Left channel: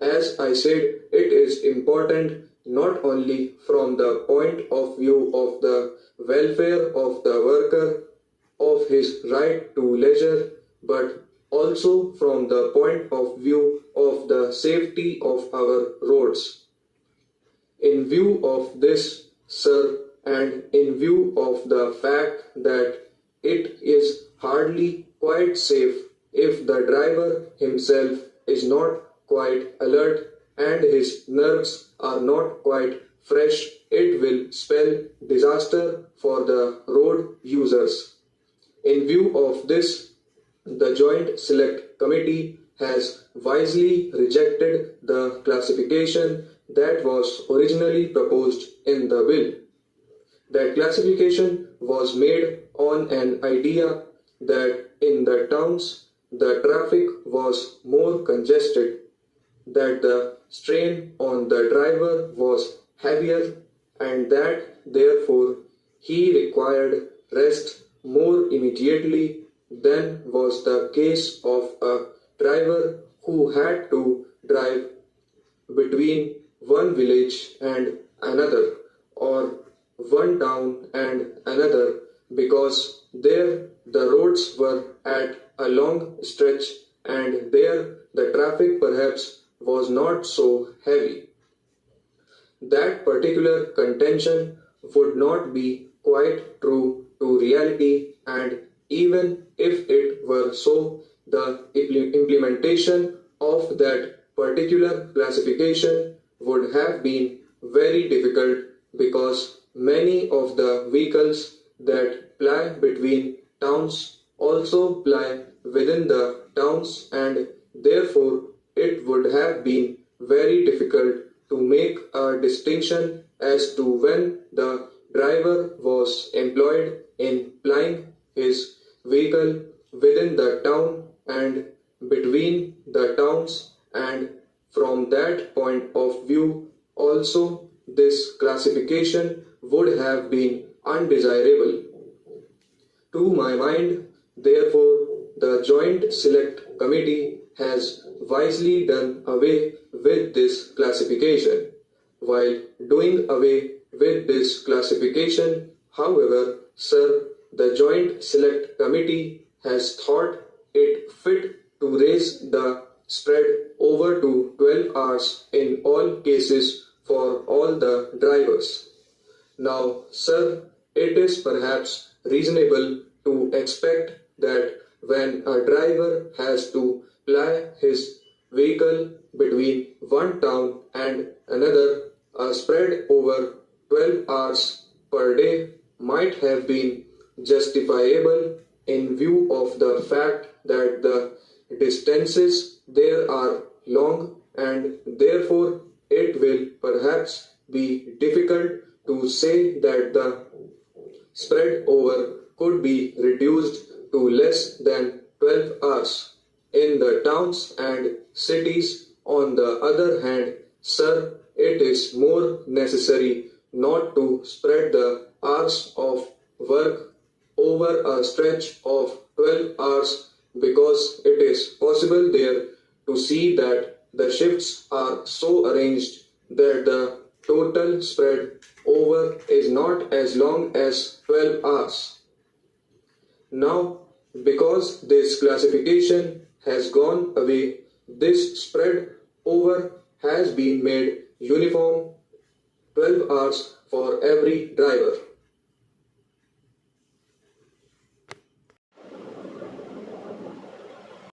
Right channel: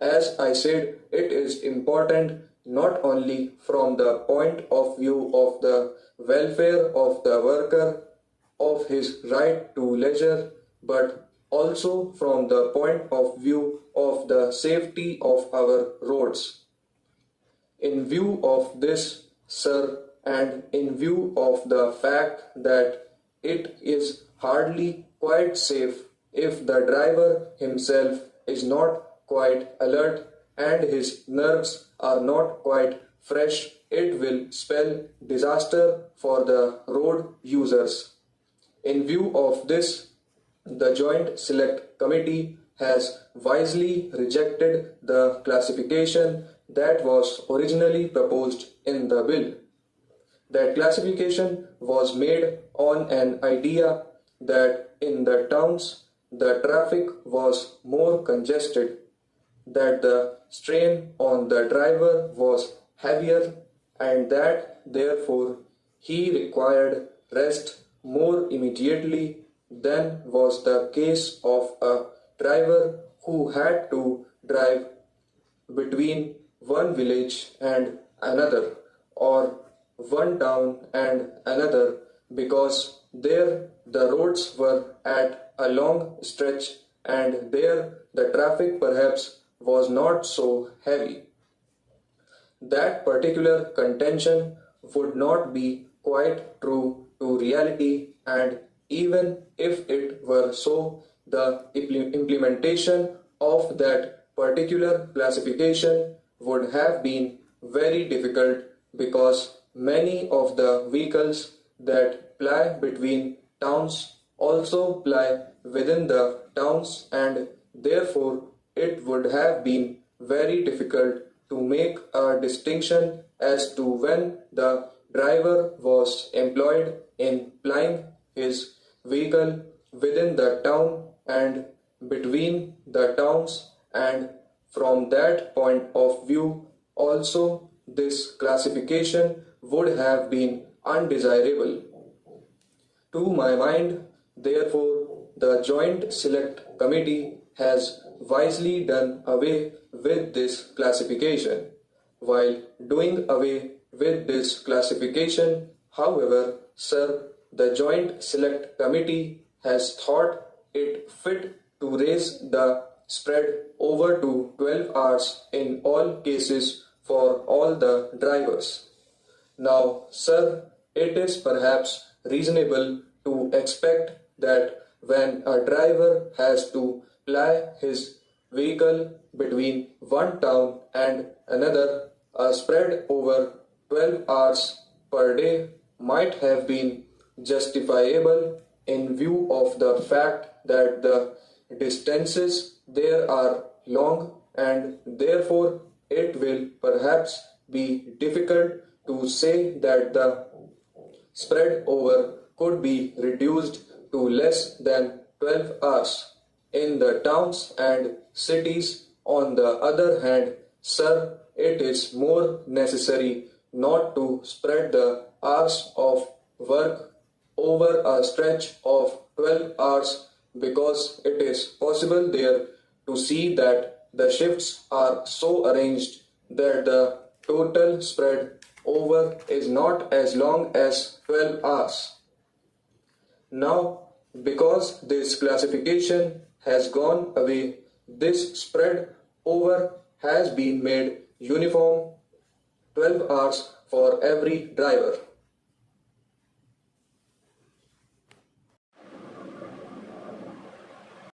As I said, it is important not only from the point of view of the welfare of the worker, of his right to leisure, but also from the point of view of the safety of our roads. In view of this, sir, and in view of the fact that it is hardly quite safe if the driver himself is not quite alert and his nerves are not quite fresh, it will spell disaster for the road users. In view of this, the Joint Select Committee has wisely rejected the classification that was originally proposed in the bill. That classification was made on an idea that in the towns the traffic was more congested, that the strain on the driver was heavier, and that therefore he required rest more immediately than was the case of a driver who had to drive between one village and another, or one town and another, because there the roads were at a long stretch and there the traffic perhaps was not so heavy. That particular contention would not be quite true to reality, and even if it were so, the implementation of that particular classification would have been very difficult, because many of the vehicles that ply between towns also ply within the towns, and therefore it would have been very difficult to make a distinction as to when the driver was employed in plying his vehicle within the town and between the towns, and from that point of view also this classification would have been undesirable. To my mind, therefore, the Joint Select Committee has wisely done away with this classification. While doing away with this classification, however, sir, the Joint Select Committee has thought it fit to raise the spread over to 12 hours in all cases for all the drivers. Now, sir, it is perhaps reasonable to expect that when a driver has to ply his vehicle between one town and another, a spread over 12 hours per day might have been justifiable in view of the fact that the distances there are long, and therefore it will perhaps be difficult to say that the spread over could be reduced to less than 12 hours. In the towns and cities, on the other hand, sir, it is more necessary not to spread the hours of work over a stretch of 12 hours, because it is possible there to see that the shifts are so arranged that the total spread over is not as long as 12 hours. Now, because this classification has gone away, this spread over has been made uniform 12 hours for every driver.